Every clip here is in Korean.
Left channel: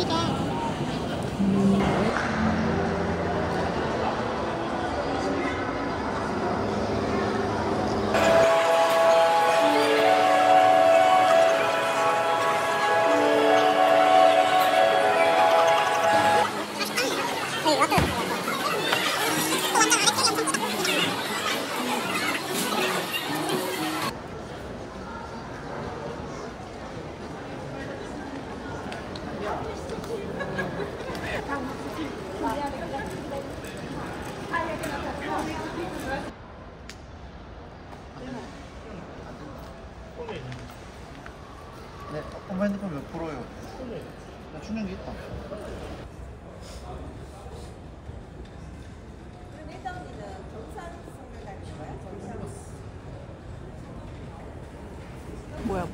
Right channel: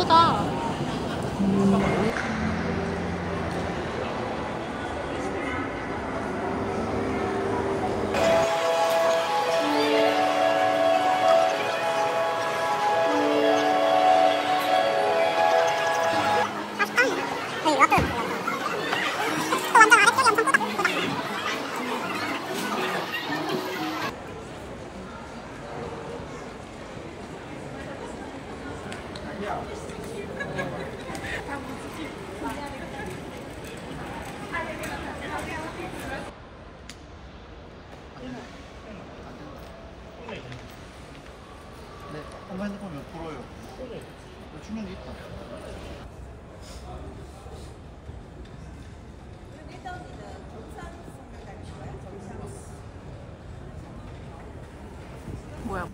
예쁘다. 엄마 핸드폰 몇 프로예요? 나 충전기 있다. 뭐야?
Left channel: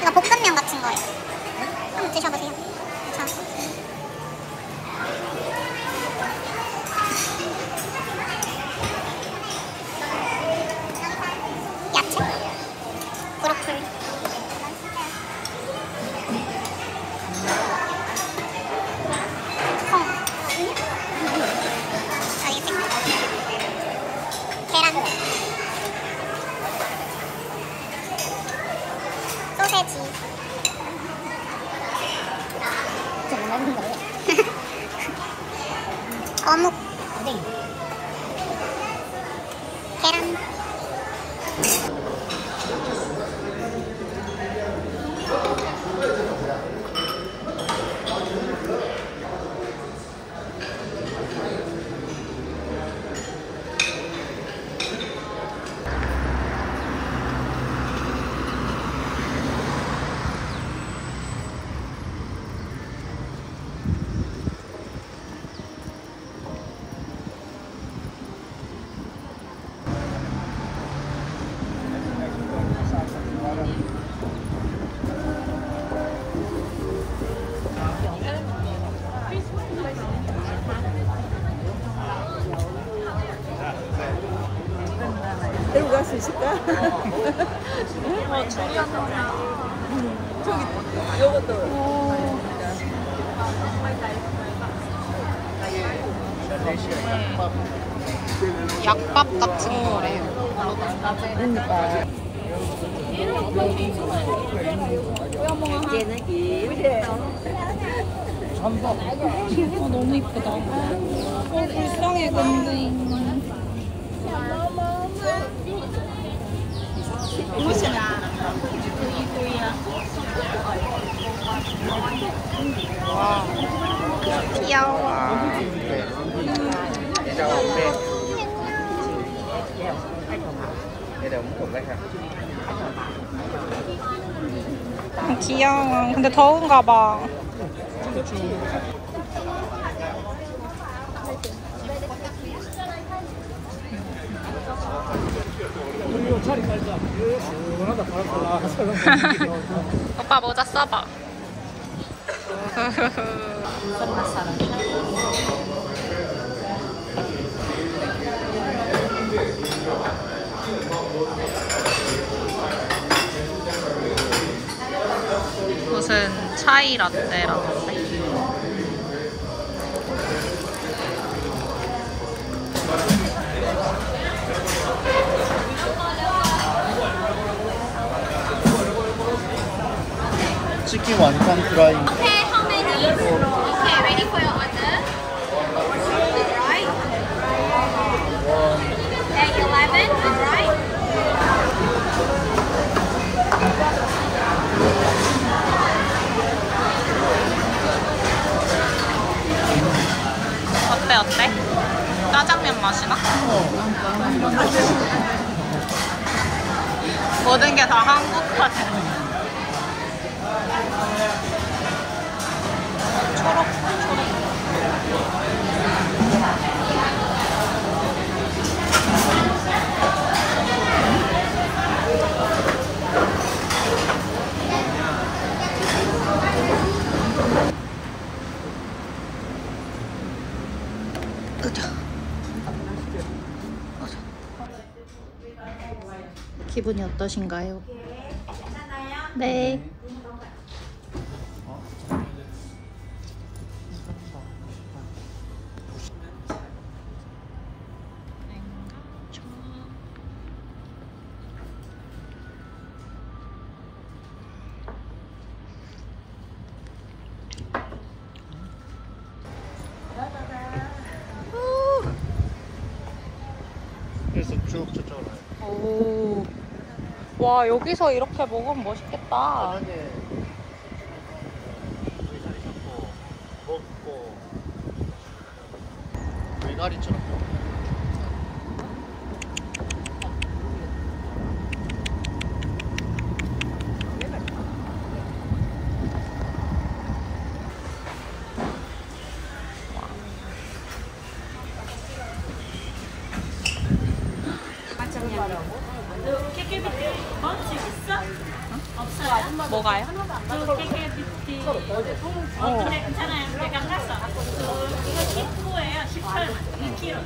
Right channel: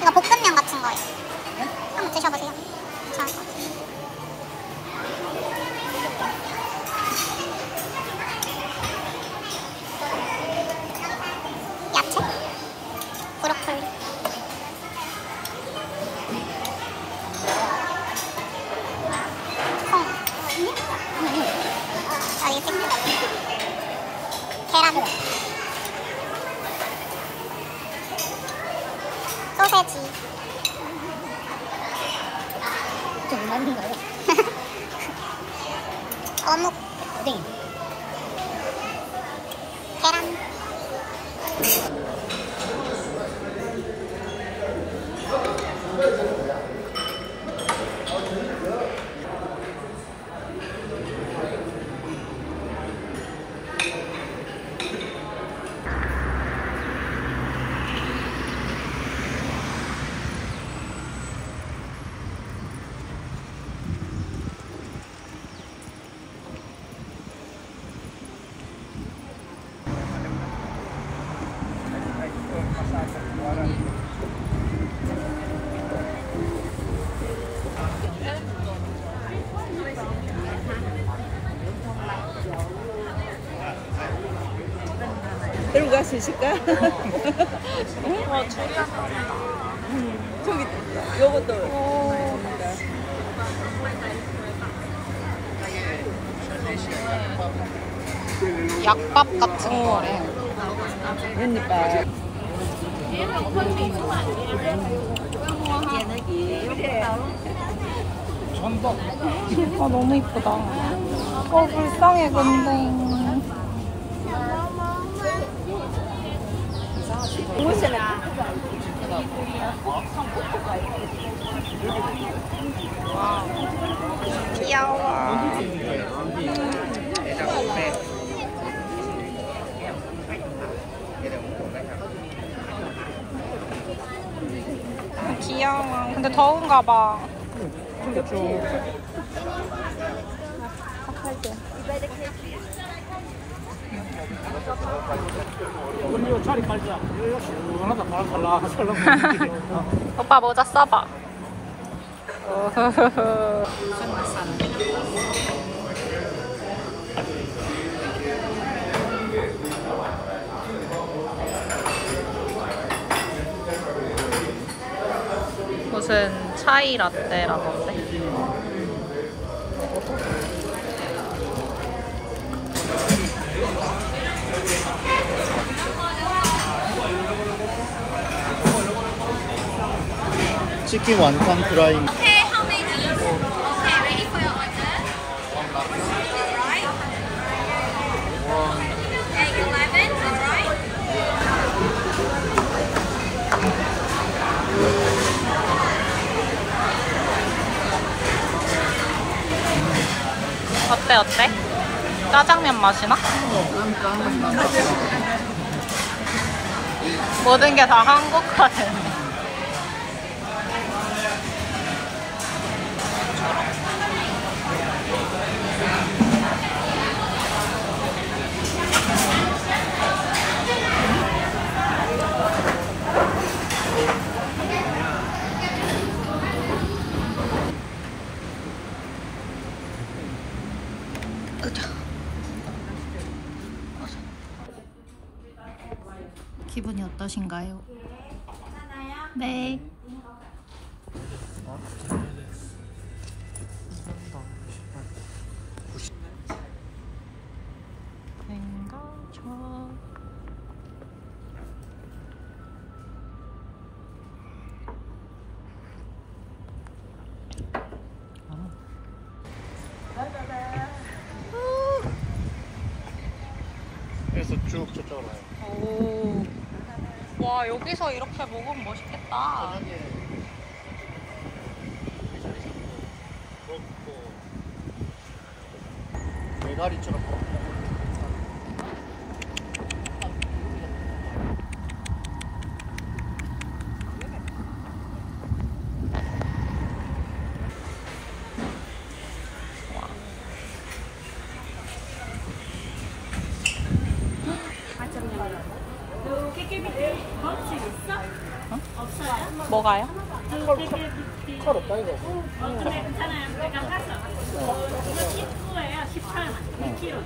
이거 볶음면 같은 거예요. 한번 드셔보세요. 괜찮을 것 같아요. 야채? 브로콜리. 콩. 알겠습니다. 계란. 소세지. 어묵. 계란. 일로 갈 수 있을까? 와, 두리안 나온다. 저기 요것도. 오. 약밥 같은 거래요. 그러니까. 아, 너무 이쁘다. 불쌍해, 근데. 와우. 귀여워. 귀여워. 근데 더운가 봐. 오빠 모자 써봐. 무슨 차이 라떼라던데. 치킨 완전 프라이. Okay, how many? Okay, ready for your order? Alright. At 11, alright. 어때 어때? 짜장면 맛이나? 모든 게 다 한국화되네. 기분이 어떠신가요? 네. 그래서 쭉 저쪽으로. 오. 와, 여기서 이렇게 먹으면 멋있겠다. 먹고 메가리처럼. 뭐가요? 그래 괜찮아요. 내가 가서 이거 19예요. 18 2kg.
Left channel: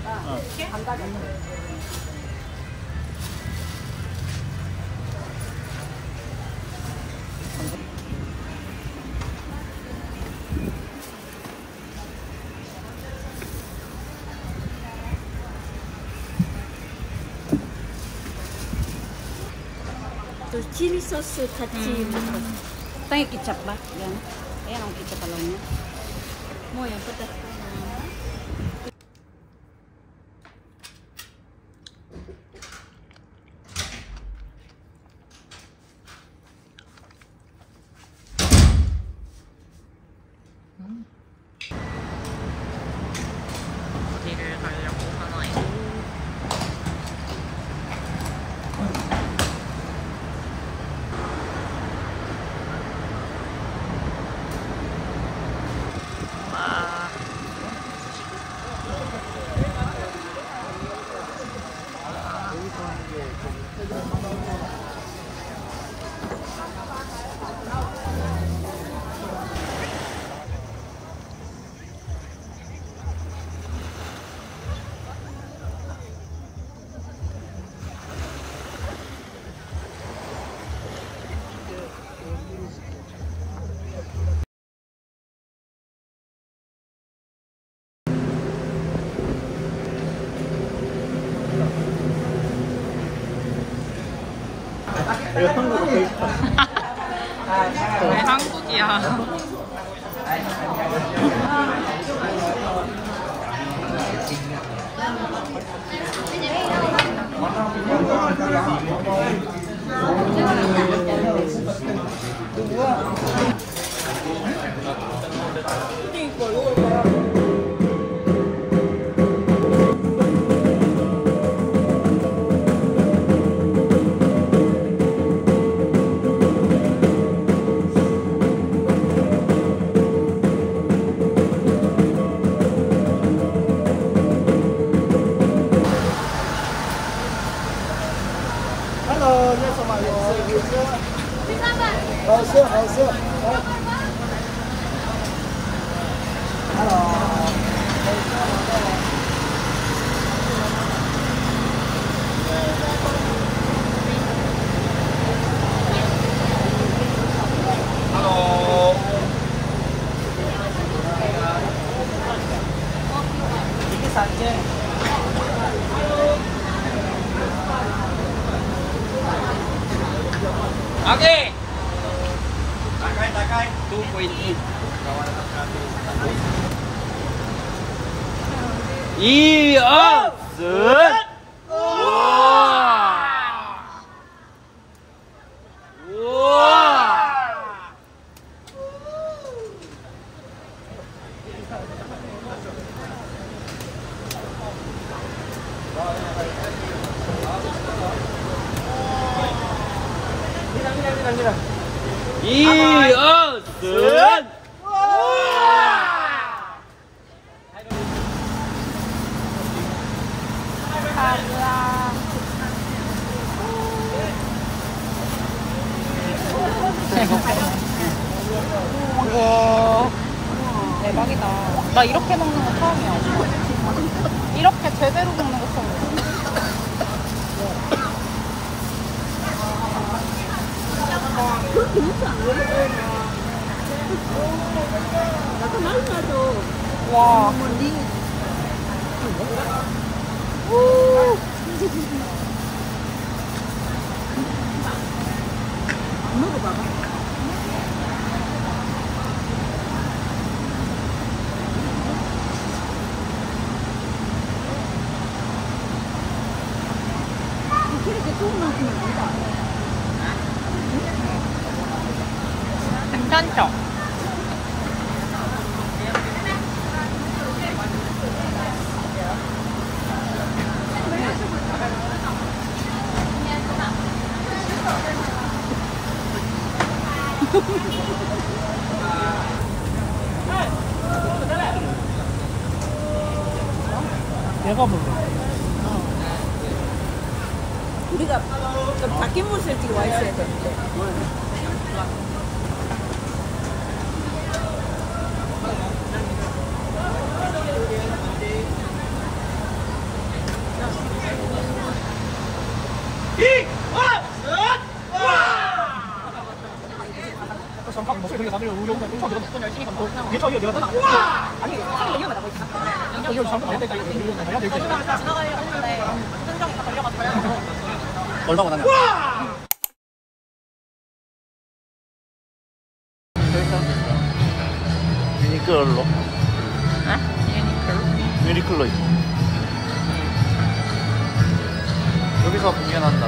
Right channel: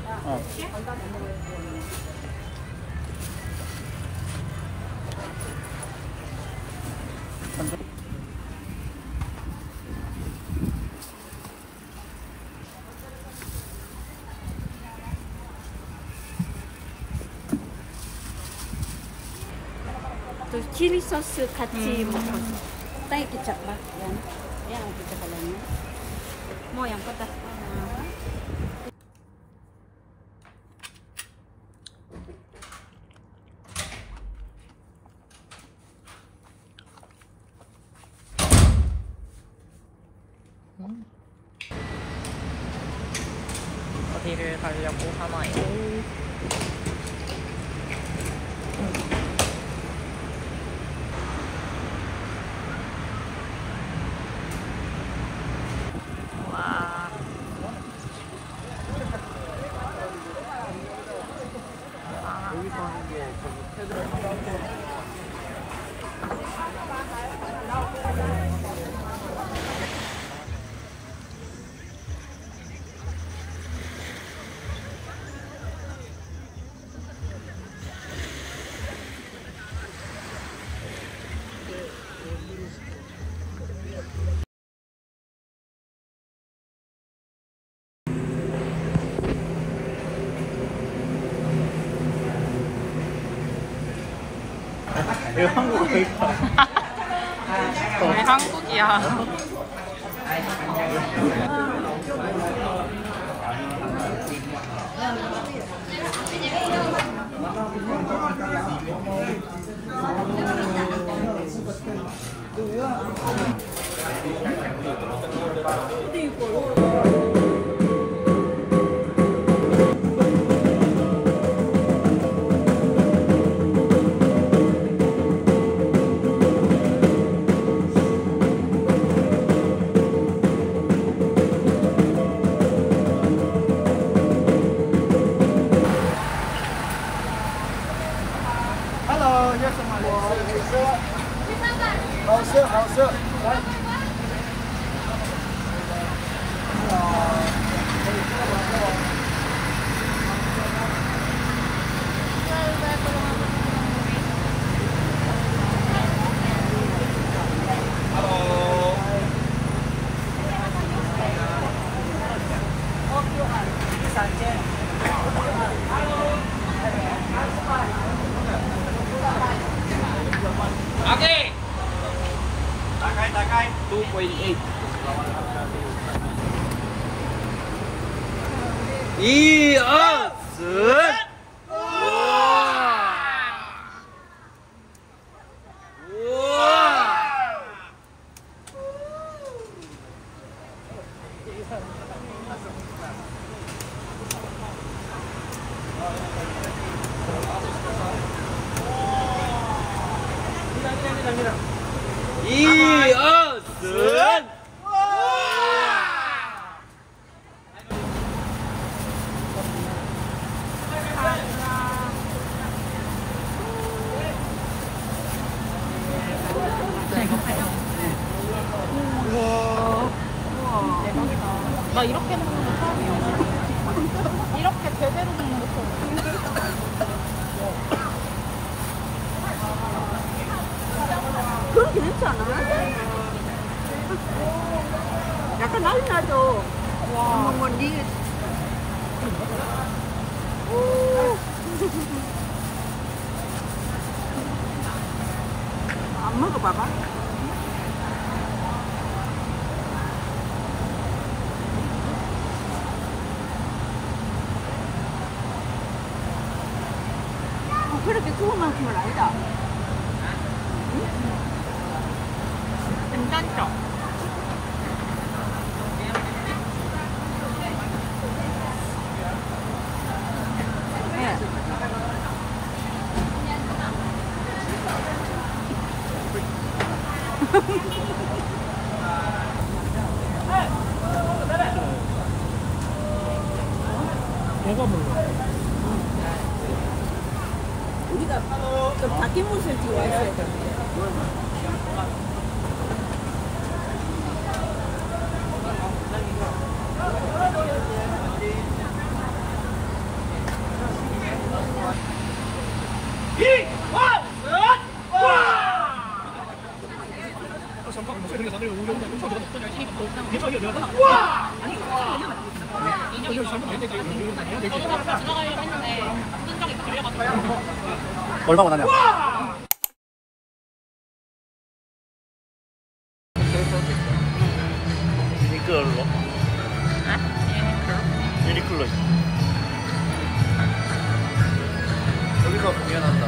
그 칠리 소스 같이 먹었어. Tay kecap lah, yan. Ayan ang kecap pala niya. Mo yang pedas pa na. 어디를 가려고 하나요? 와. 여기 한국 케이크판. 왜 한국이야? 이어슨. 이어슨. 대박이다. 나 이렇게 먹는 거 처음이야. 이렇게 제대로 먹는 거 처음이야. 그렇게 늦지 않아. 약간 날라도. 와. 뭐, 니. 안 먹어봐봐. 그렇게 좋은 만큼은 아니다. 괜찮죠? 얘가 뭐? 우리가 좀 바뀐 모습을 찍어 와 있어야 되는데. 지나가려고 했는데 흔적이 다 걸려가지고. 얼마고 나냐? 유니클로. 아? 유니클로? 유니클로 있어. 여기서 공연한다.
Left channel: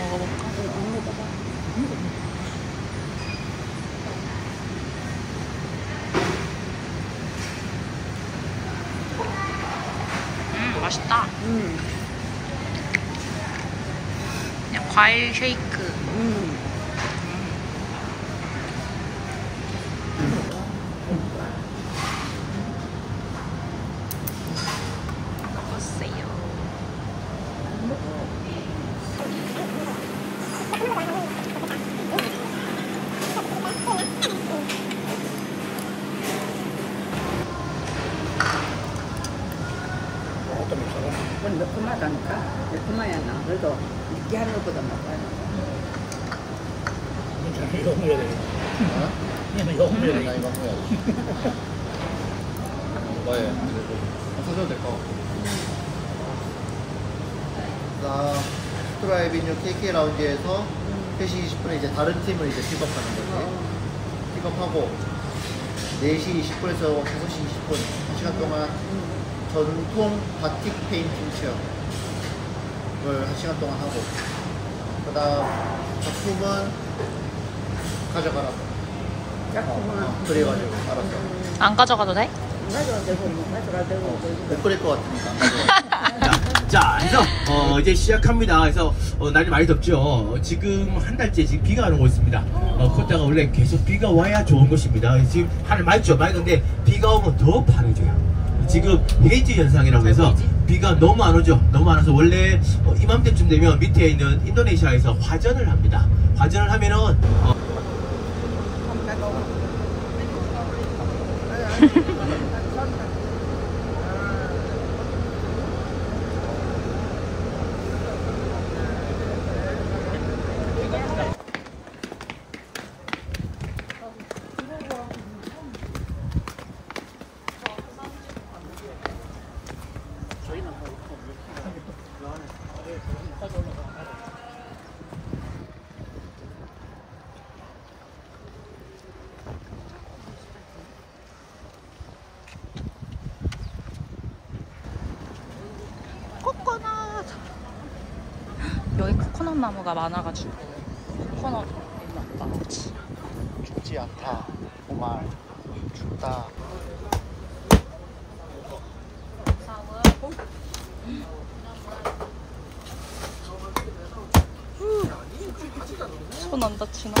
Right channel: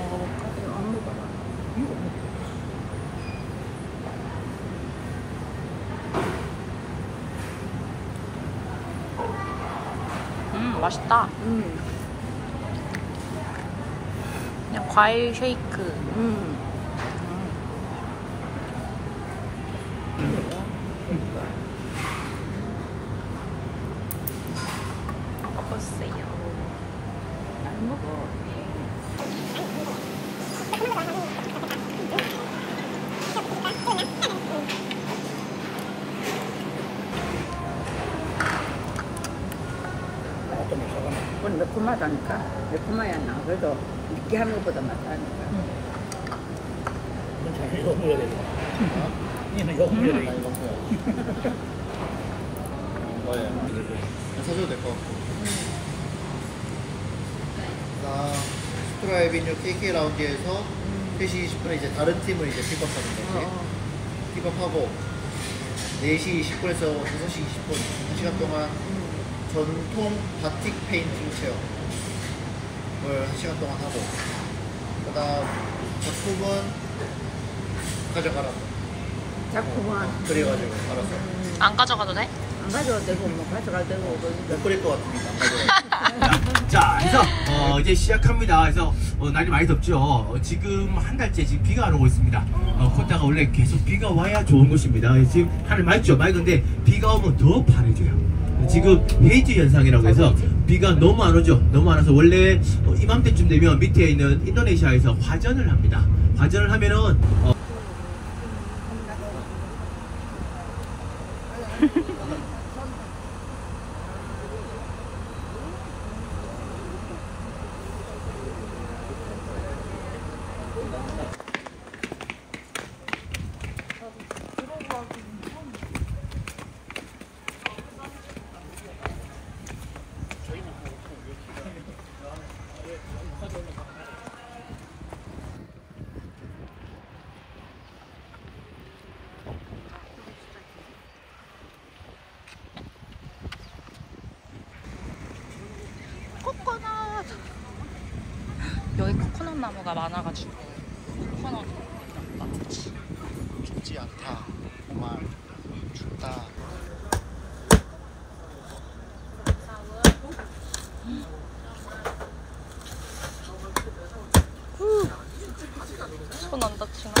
먹어볼까? 맛있다. 그냥 과일 쉐이크. 먹어보세요. 그건 매콤하다니까. 매콤하야 나. 그래도 느끼한 것보다 맛있다니까. 이건 잘 영어해야 되겠다. 얘는 영어해야 되겠다. 사줘도 될 것 같고. 나 스트라이비뉴 KK 라운지에서 3시 20분에 이제 다른 팀을 이제 픽업하는 거지. 픽업하고 4시 20분에서 5시 20분 1시간 동안 전통 바틱 페인팅 체험을 1시간 동안 하고, 그 다음 작품은 가져가라고. 그래가지고 알았어. 안 가져가도 돼? 가져가도 되고 뭐 가져가도 되고. 못 그릴 것 같으니까. 자, 그래서 이제 시작합니다. 그래서 날이 많이 덥죠. 지금 한 달째 지금 비가 안 오고 있습니다. 코타가 원래 계속 비가 와야 좋은 곳입니다. 지금 하늘 맑죠. 맑은데 비가 오면 더 파래져요. 지금 헤이즈 현상이라고 해서 비가 너무 안 오죠. 너무 안 와서 원래 이맘때쯤 되면 밑에 있는 인도네시아에서 화전을 합니다. 화전을 하면은 코코넛. 여기 코코넛 나무가 많아가지고 코코넛 나무지. 춥지 않다. 정말 춥다. 손 안 다치나?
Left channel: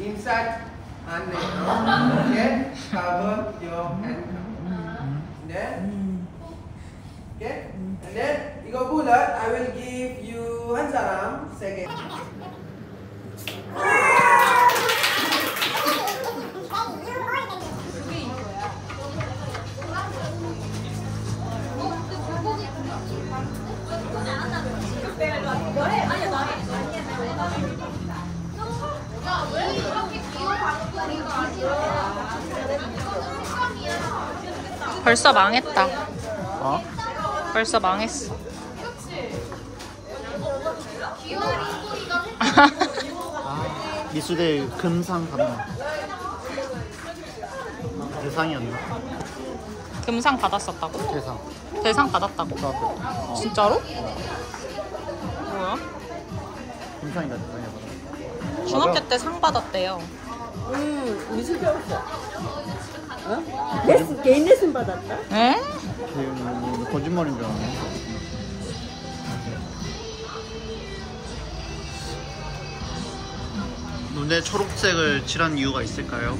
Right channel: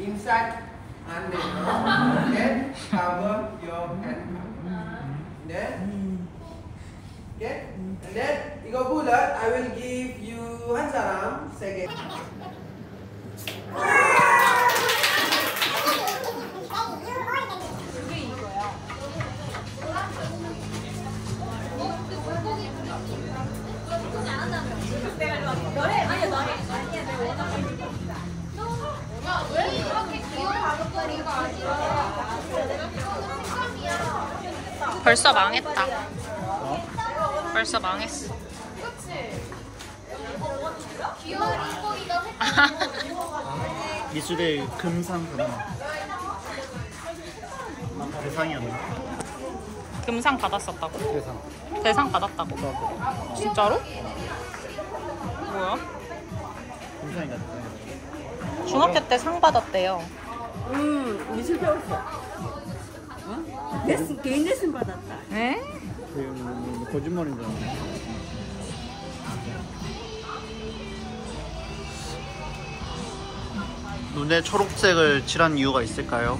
Inside hand now. Okay, cover your hand. Then, okay, and then you go bullet. I will give you Hansaram second. 벌써 망했다. 어? 벌써 망했어. 아, 미수대 금상 받나? 대상이었나? 금상 받았었다고? 대상. 대상 받았다고? 진짜로? 뭐야? 금상이다 대상이다. 중학교 때 상 받았대요. 미술 배웠어. 어? 레슨, 개인 레슨 받았다. 에? 거짓말인 줄 알았네. 눈에 초록색을 칠한 이유가 있을까요?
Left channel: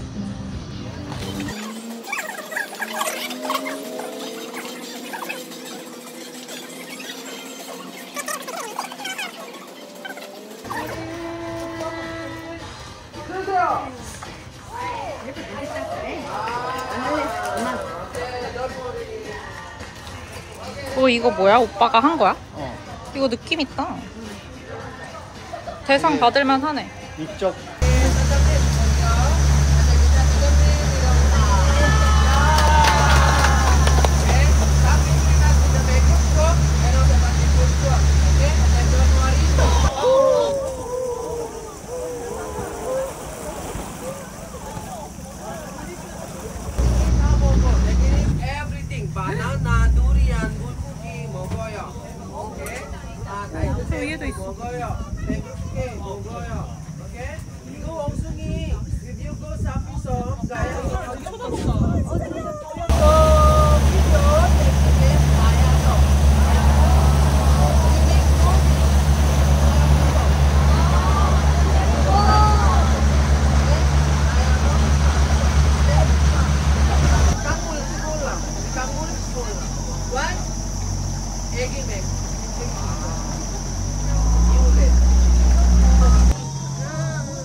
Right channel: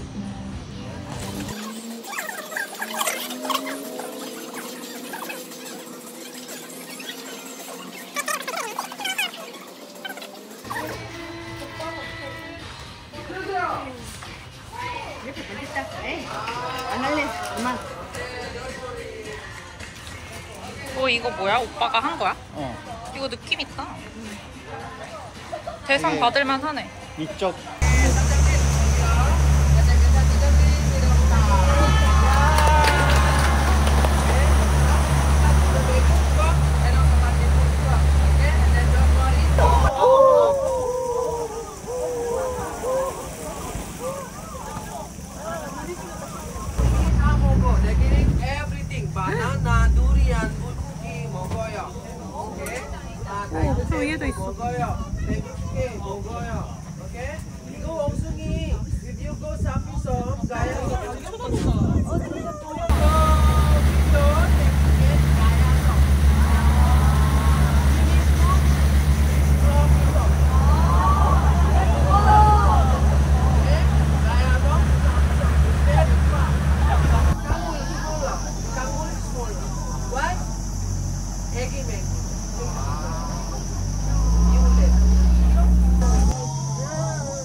이렇게 놀랬다 그래. 안 할래. 엄마. 이거 뭐야? 오빠가 한 거야? 어. 이거 느낌 있다. 대상 받을만 하네. 이쪽. Banana, durian, bulgogi, 먹어요. Okay? 저 위에도 있어. 먹어요. 배고프게 먹어요. Okay? 이거 엉숭이, if you go 사피섬 가요.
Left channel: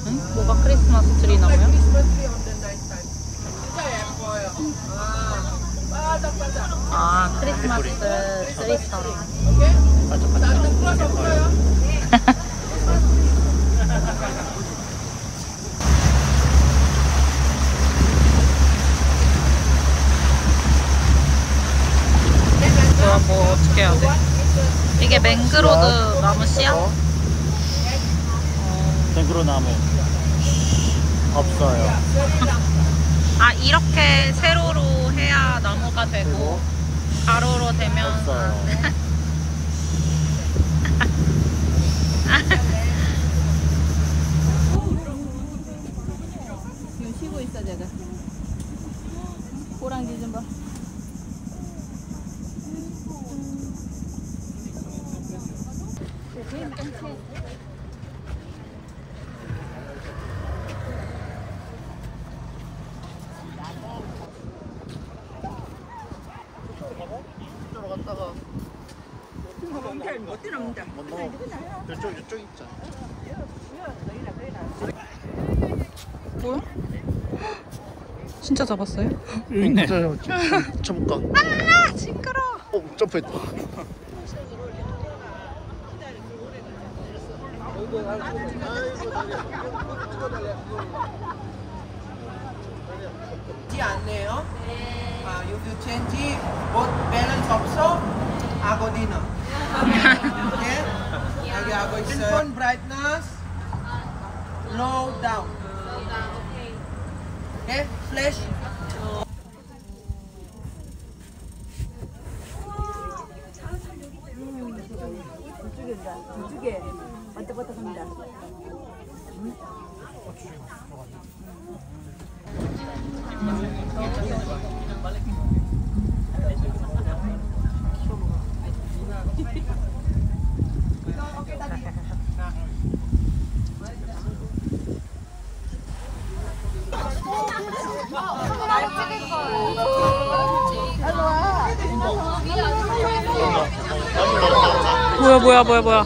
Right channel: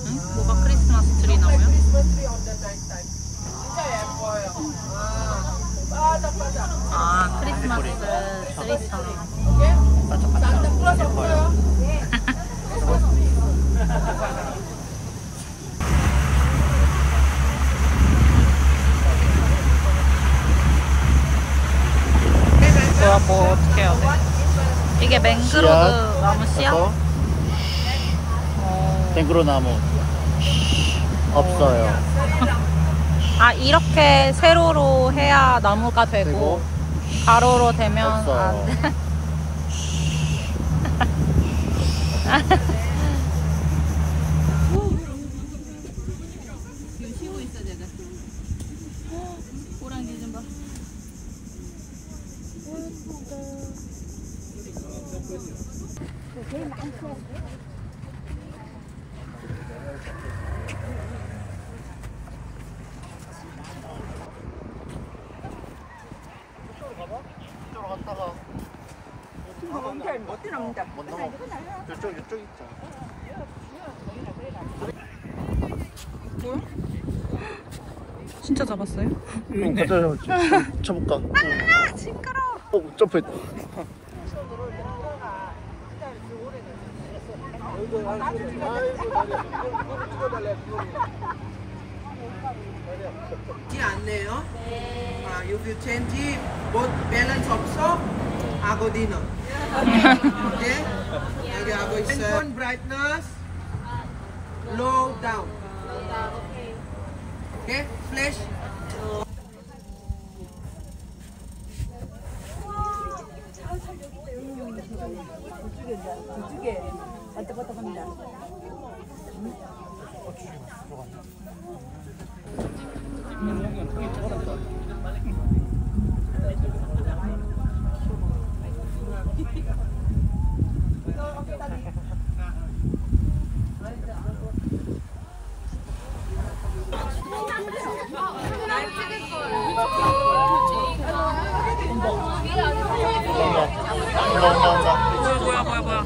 응? 뭐가 크리스마스 트리 나무야? 아, 크리스마스 트리처럼. 반짝반짝 예뻐요. 뭐야, 뭐 어떻게 해야 돼? 이게 맹그로드 나무 씨야? 땡그로 나무 없어요. 아, 이렇게 세로로 해야 나무가 되고 가로로 되면 안 돼. 지금 쉬고 있어 내가. 호랑이 좀 봐. 이쪽 있잖아. 뭐야? 진짜 잡았어요? 있네. 쳐볼까? 아 시끄러. 점프했다. 않네요. If you change both balance also, ago dinner. Okay? Okay, ago is handphone brightness, low down. Okay, flash. 이쪽에 왔다 갔다 한다. 뭐야.